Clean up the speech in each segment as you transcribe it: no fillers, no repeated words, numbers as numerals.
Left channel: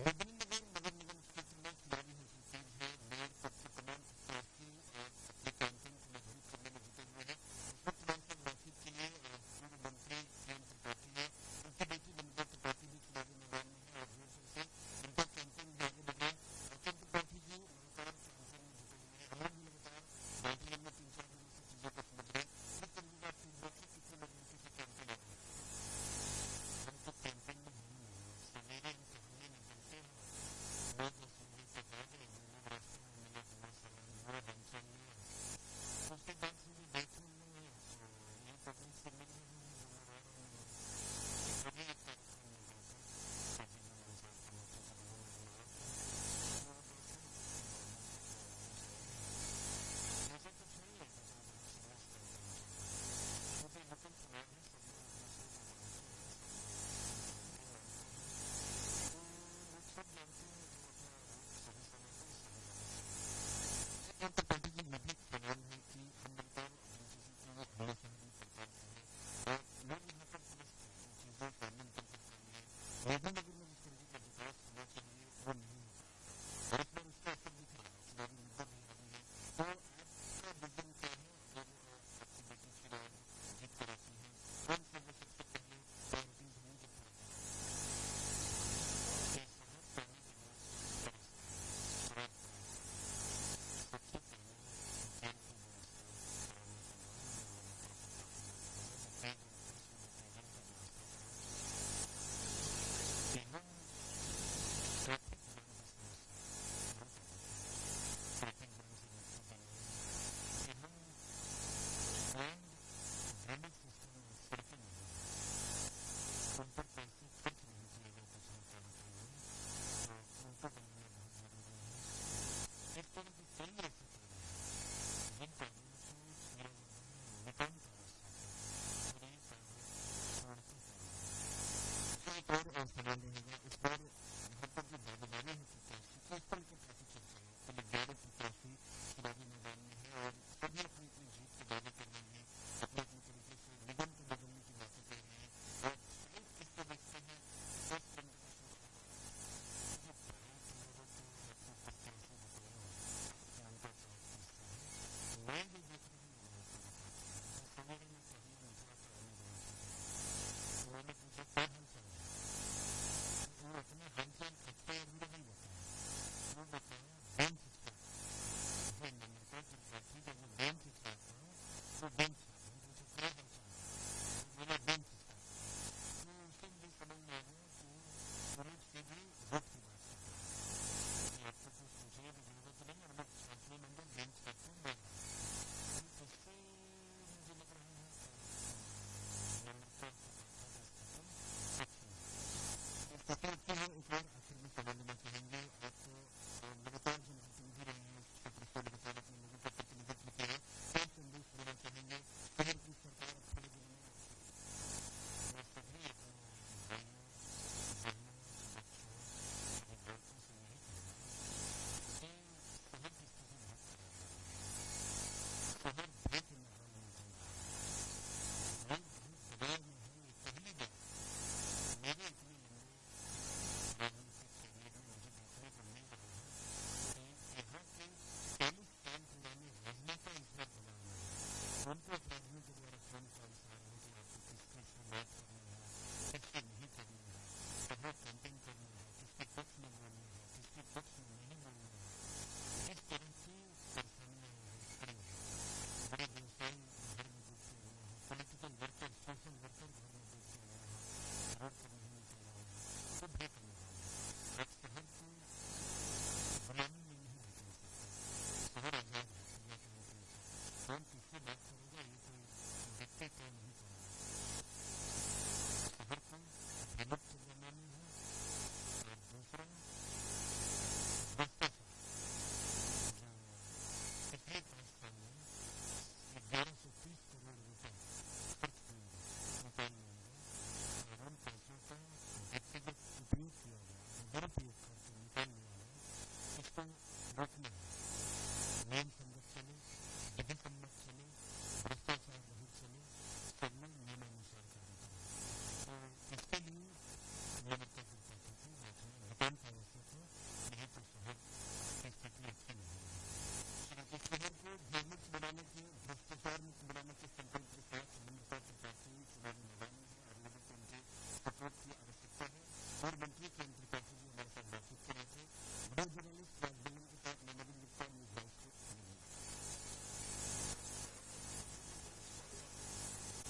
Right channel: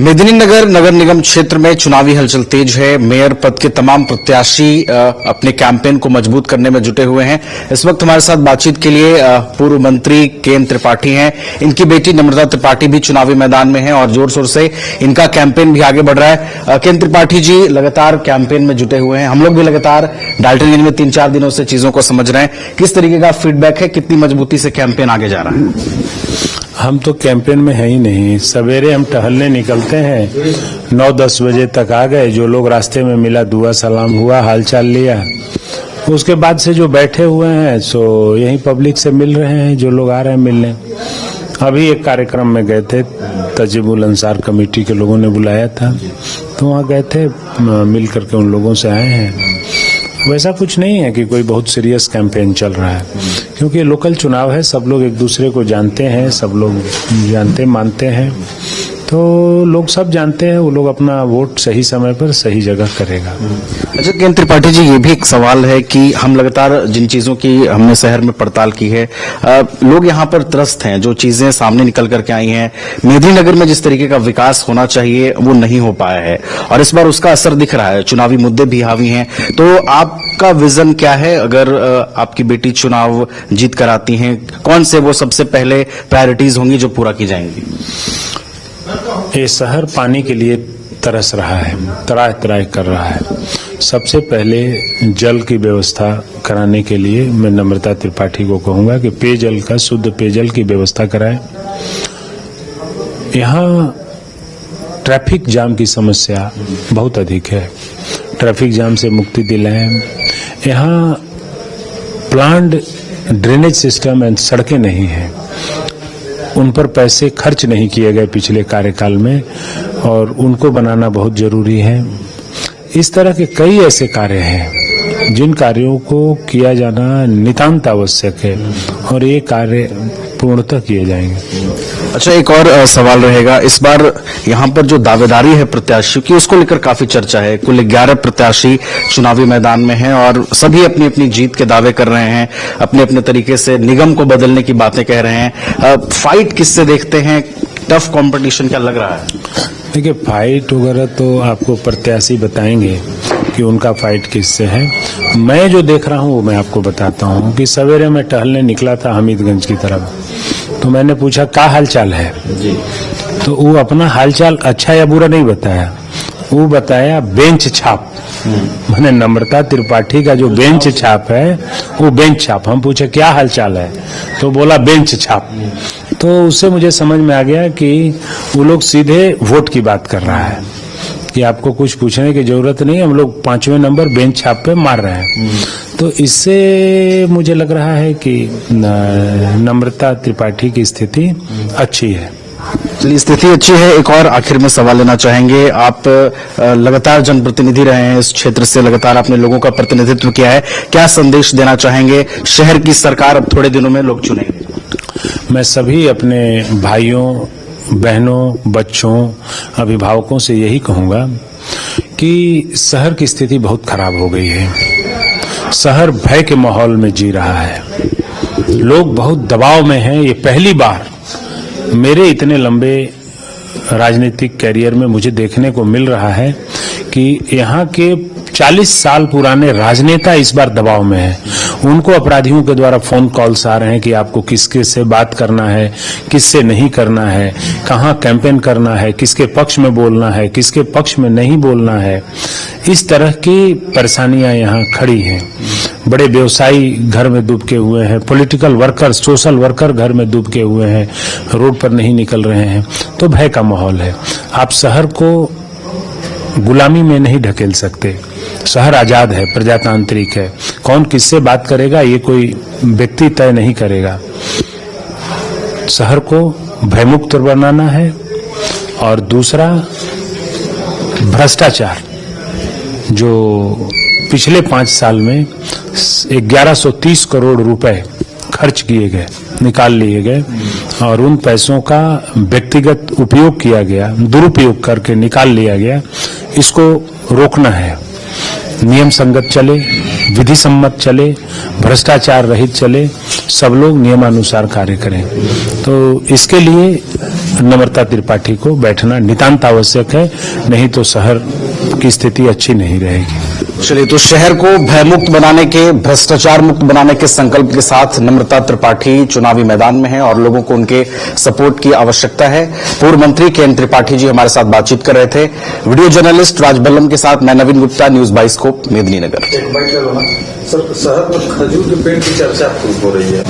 मेदिनीनगर नगर निगम क्षेत्र में चुनावी हलचल तेज है। मेयर पद के तमाम प्रत्याशी अपने कैंपेन को मजबूत करने में जुटे हुए हैं। इस वक्त हमारे साथ बातचीत के लिए पूर्व मंत्री केएन त्रिपाठी हैं। इनकी बेटी नम्रता त्रिपाठी भी चुनावी मैदान में है और जोर शोर से इनका कैंपेन भी आगे बढ़ रहा है। केएन त्रिपाठी जी लगातार कैंपेन में जुटे हुए हैं। हम लोग भी लगातार डाल्टनगंज में 3-4 दिनों से चीजों को समझ रहे हैं। किस तरीके का फीडबैक है, कितनी मजबूती से कैंपेन आगे जा रहा है? हम तो कैंपेन में है ही नहीं। सवेरे हम टहलने निकलते हैं, 9-10 बजे तक आ गए। जो लोग रास्ते में मिला दुआ सलाम हुआ, हालचाल लिया। उसके बाद से जो बैठे हुए हैं सो यहीं पब्लिक से मिल रहे हैं, जो लोग आ रहे हैं मिलने। अभी एक कार्यक्रम में गए थे, तजीबुल अंसार कमेटी के लोगों ने बुलाया था, तो वहाँ गए थे, मिल करके उन लोगों से आए हैं। वैसा कुछ नहीं है कि कोई बहुत सीरियस कैंपेन चल रहा है, क्योंकि लोकल चुनाव है। सब लोग एक दूसरे को जानते हैं, सब लोग जानते मानते हैं, तो लोग सब जानते हैं वो लोग अपना वोट सही समय पर सही जगह करेगा। अच्छा केएन त्रिपाठी जी, ये भी एक सवाल है कि हम लगातार जिन चीजों की हमने शहर में पड़ताल की है, लोग यहाँ पर त्रस्त हैं। जो चीजें सामने निकल करके आई हैं, मेदिनीनगर में जिस तरीके का विकास होना चाहिए वो नहीं हो पाया है और इस बार उसका असर दिख रहा है। चुनावी मुद्दे भी हावी हैं, तो आपका विजन क्या है? अगर आपकी बेटी चुनाव जीत कर आती हैं, कौन से वो सबसे पहले प्रायोरिटीज होंगी जो पूरा की जाएंगी? ये शहर पानी के लिए तरस रहा है, त्राह त्राह कर रहा है। सबसे पहले जल की व्यवस्था कराने के लिए मैं नम्रता त्रिपाठी को कहूंगा कि पेयजल का, शुद्ध पेयजल की व्यवस्था कराएं। यहाँ ट्रैफिक जाम की समस्या बहुत अधिक है, ट्रैफिक जाम से मुक्ति दिलाएं। यहाँ प्लान्ड ड्रेनेज सिस्टम एंड सड़कें नहीं हैं, उन पर पैसे खर्च नहीं किए गए पिछले कार्यकाल में और उनको बनाना बहुत जरूरी है। इस तरह के कई ऐसे कार्य हैं जिन कार्यों को किया जाना नितांत आवश्यक है और ये कार्य पूर्णतः किए जाएंगे। अच्छा, एक और सवाल रहेगा। इस बार यहाँ पर जो दावेदारी है प्रत्याशियों की, उसको लेकर काफी चर्चा है। कुल 11 प्रत्याशी चुनावी मैदान में हैं और सभी अपनी अपनी जीत के दावे कर रहे हैं, अपने अपने तरीके से निगम को बदलने की बातें कह रहे हैं। फाइट किससे देखते हैं? टफ कंपटीशन क्या लग रहा है? देखिए, फाइट वगैरह तो आपको प्रत्याशी बताएंगे कि उनका फाइट किससे है। मैं जो देख रहा हूँ वो मैं आपको बताता हूँ कि सवेरे मैं टहलने निकला था हमीदगंज की तरफ, तो मैंने पूछा क्या हालचाल है जी। तो वो अपना हालचाल अच्छा या बुरा नहीं बताया, वो बताया बेंच छाप। मैंने नम्रता त्रिपाठी का जो बेंच छाप है वो बेंच छाप। हम पूछे क्या हालचाल है, तो बोला बेंच छाप। तो उससे मुझे समझ में आ गया कि वो लोग सीधे वोट की बात कर रहा है कि आपको कुछ पूछने की जरूरत नहीं, हम लोग 5वें नंबर बेंच छाप पे मार रहे हैं। तो इससे मुझे लग रहा है कि नम्रता त्रिपाठी की स्थिति अच्छी है। चलिए, स्थिति अच्छी है। एक और आखिर में सवाल लेना चाहेंगे। आप लगातार जनप्रतिनिधि रहे हैं इस क्षेत्र से, लगातार आपने लोगों का प्रतिनिधित्व किया है, क्या संदेश देना चाहेंगे? शहर की सरकार अब थोड़े दिनों में लोग चुनेंगे। मैं सभी अपने भाइयों, बहनों, बच्चों, अभिभावकों से यही कहूंगा कि शहर की स्थिति बहुत खराब हो गई है। शहर भय के माहौल में जी रहा है, लोग बहुत दबाव में हैं। ये पहली बार मेरे इतने लंबे राजनीतिक कैरियर में मुझे देखने को मिल रहा है कि यहाँ के 40 साल पुराने राजनेता इस बार दबाव में हैं। उनको अपराधियों के द्वारा फोन कॉल्स आ रहे हैं कि आपको किसके से बात करना है, किससे नहीं करना है, कहाँ कैंपेन करना है, किसके पक्ष में बोलना है, किसके पक्ष में नहीं बोलना है। इस तरह की परेशानियां यहाँ खड़ी हैं। बड़े व्यवसायी घर में डूबके हुए हैं, पॉलिटिकल वर्कर, सोशल वर्कर घर में डूबके हुए हैं, रोड पर नहीं निकल रहे हैं। तो भय का माहौल है। आप शहर को गुलामी में नहीं ढकेल सकते। शहर आजाद है, प्रजातांत्रिक है। कौन किससे बात करेगा ये कोई व्यक्ति तय नहीं करेगा। शहर को भयमुक्त बनाना है। और दूसरा, भ्रष्टाचार जो पिछले 5 साल में 1130 करोड़ रुपए खर्च किए गए, निकाल लिए गए और उन पैसों का व्यक्तिगत उपयोग किया गया, दुरुपयोग करके निकाल लिया गया, इसको रोकना है। नियम संगत चले, विधि सम्मत चले, भ्रष्टाचार रहित चले, सब लोग नियमानुसार कार्य करें। तो इसके लिए नम्रता त्रिपाठी को बैठना नितांत आवश्यक है, नहीं तो शहर की स्थिति अच्छी नहीं रहेगी। चलिए, तो शहर को भयमुक्त बनाने के, भ्रष्टाचार मुक्त बनाने के संकल्प के साथ नम्रता त्रिपाठी चुनावी मैदान में है और लोगों को उनके सपोर्ट की आवश्यकता है। पूर्व मंत्री के एन त्रिपाठी जी हमारे साथ बातचीत कर रहे थे। वीडियो जर्नलिस्ट राज बल्लम के साथ मैं नवीन गुप्ता, न्यूज 22 को मेदिनीनगर। सर, शहर में खजूर के पेड़ की चर्चा खूब हो रही है।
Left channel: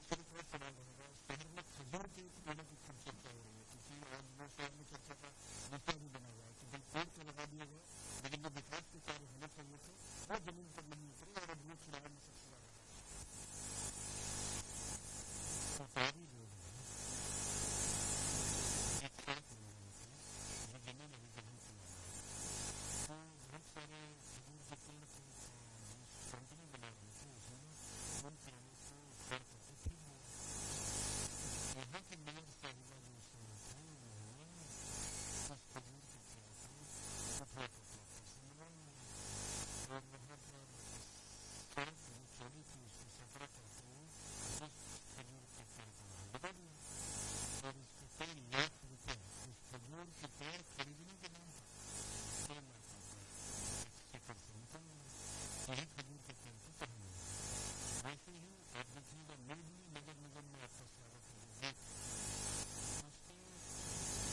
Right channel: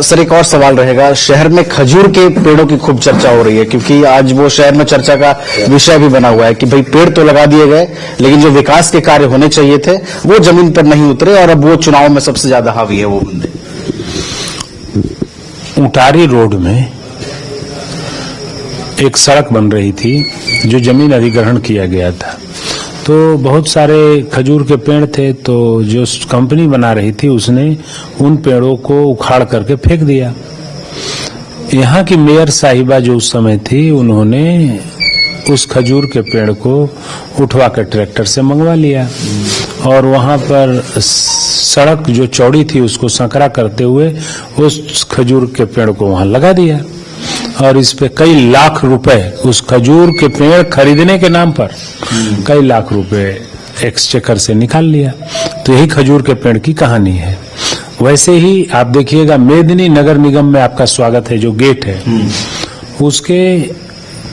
सर, एक और सवाल रहेगा, शहर में खजूर के पेड़ों की खूब चर्चा हो रही है क्योंकि आज वो शहर में चर्चा का विषय भी बना हुआ है कि भाई पेड़ तो लगा दिए गए लेकिन जो विकास के कार्य होने चाहिए थे वो जमीन पर नहीं उतरे और अब वो चुनाव में सबसे ज्यादा हावी है वो बंदे। उटारी रोड में एक सड़क बन रही थी जो जमीन अधिग्रहण किया गया था, तो बहुत सारे खजूर के पेड़ थे, तो जो कंपनी बना रही थी उसने उन पेड़ों को उखाड़ करके फेंक दिया। यहाँ की मेयर साहिबा जो उस समय थी, उन्होंने उस खजूर के पेड़ को उठवा कर ट्रैक्टर से मंगवा लिया और वहां पर सड़क जो चौड़ी थी उसको संकरा करते हुए उस खजूर के पेड़ को वहां लगा दिया और इस पे कई लाख रुपए, उस खजूर के पेड़ खरीदने के नाम पर कई लाख रुपए एक्सचेकर से निकाल लिया। तो यही खजूर के पेड़ की कहानी है। वैसे ही आप देखिएगा मेदिनी नगर निगम में आपका स्वागत है, जो गेट है उसके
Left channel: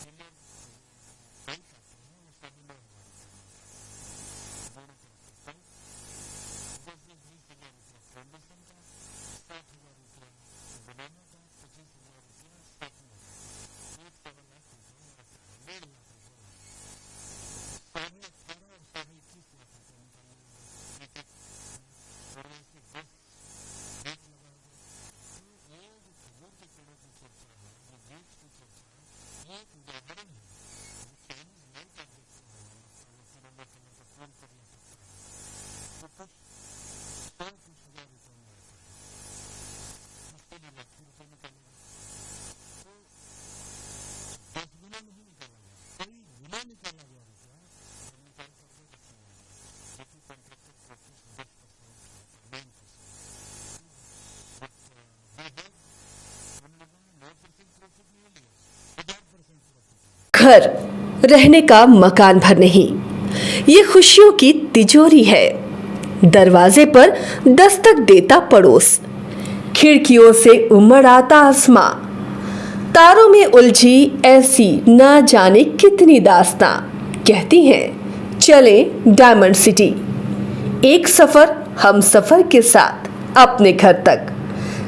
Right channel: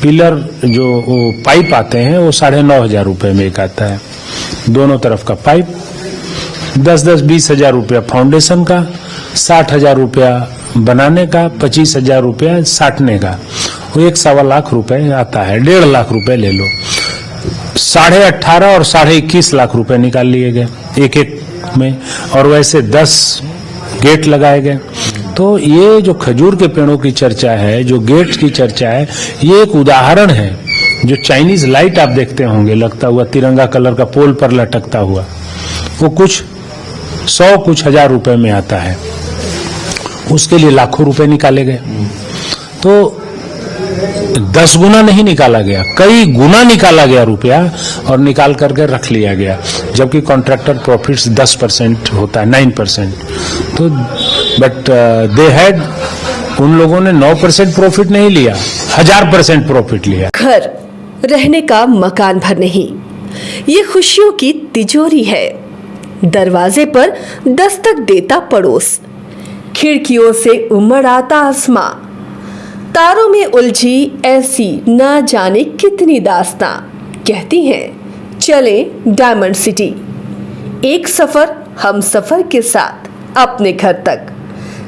पिलर जो पाइप आते हैं वो 9,500 रुपए में एक आता है, दोनों तरफ का पाइप 10-10, 20,000 रुपया फाउंडेशन का, 60,000 रुपया बनाने का, 25,000 रुपया साटने का, वो 1.25 लाख रुपए आता है। 1.5 लाख रुपए ले लो, 18.5 और 21.5 लाख रुपए निकाल लिए गए एक एक में, और वैसे 10 गेट लगाए गए। तो ये जो खजूर के पेड़ों की चर्चा है, जो गेट की चर्चा है, ये एक उदाहरण है। जो चाइनीज लाइट आप देखते होंगे लगता हुआ तिरंगा कलर का पोल पर लटकता हुआ, वो कुछ 100 कुछ 1000 रुपए में आता है, उसके लिए लाखों रुपए निकाले गए। तो 10 गुना नहीं निकाला गया, कई गुना निकाला गया रुपया और निकाल करके रख लिया गया, जबकि कॉन्ट्रैक्टर प्रॉफिट्स 10% होता है, 9%। तो बट दे हैड, उन लोगों ने 9% प्रॉफिट नहीं लिया, 1000% प्रॉफिट लिया। घर रहने का मकान भर नहीं, ये खुशियों की तिजोरी है। दरवाजे पर दस्तक देता पड़ोस, खिड़कियों से उमड़ आता आसमां, तारों में उलझी ऐसी ना जाने कितनी दास्तां। कहती हैं चले डायमंड सिटी, एक सफर हम सफर के साथ अपने घर तक।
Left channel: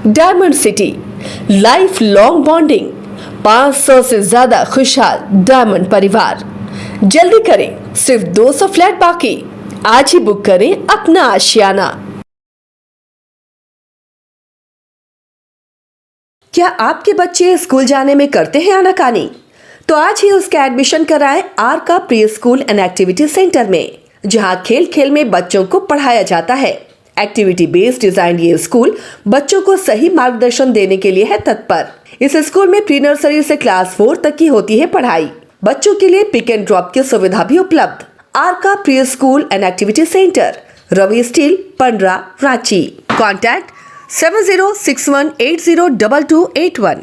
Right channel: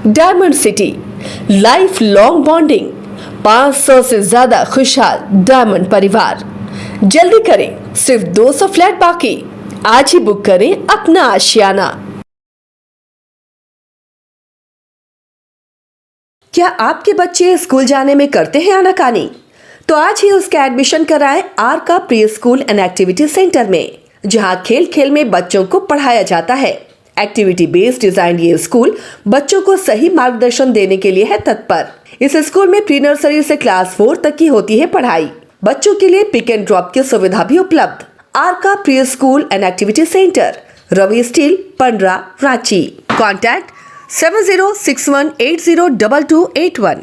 Diamond city, life long bonding, 500 से ज्यादा खुशहाल डायमंड परिवार। जल्दी करें, सिर्फ 200 फ्लैट बाकी, आज ही बुक करें अपना आशियाना। क्या आपके बच्चे स्कूल जाने में करते हैं आनाकानी? तो आज ही उसका एडमिशन कराएं आर का pre school and activity centre में, जहां खेल खेल में बच्चों को पढ़ाया जाता है। एक्टिविटी बेस्ड डिजाइन ये स्कूल बच्चों को सही मार्गदर्शन देने के लिए है तत्पर। इस स्कूल में प्री नर्सरी से क्लास 4 तक की होती है पढ़ाई। बच्चों के लिए पिक एंड ड्रॉप की सुविधा भी उपलब्ध। आर का pre school and activity centre, Ravi steel, Pandra, Ranchi. Contact 7061802281।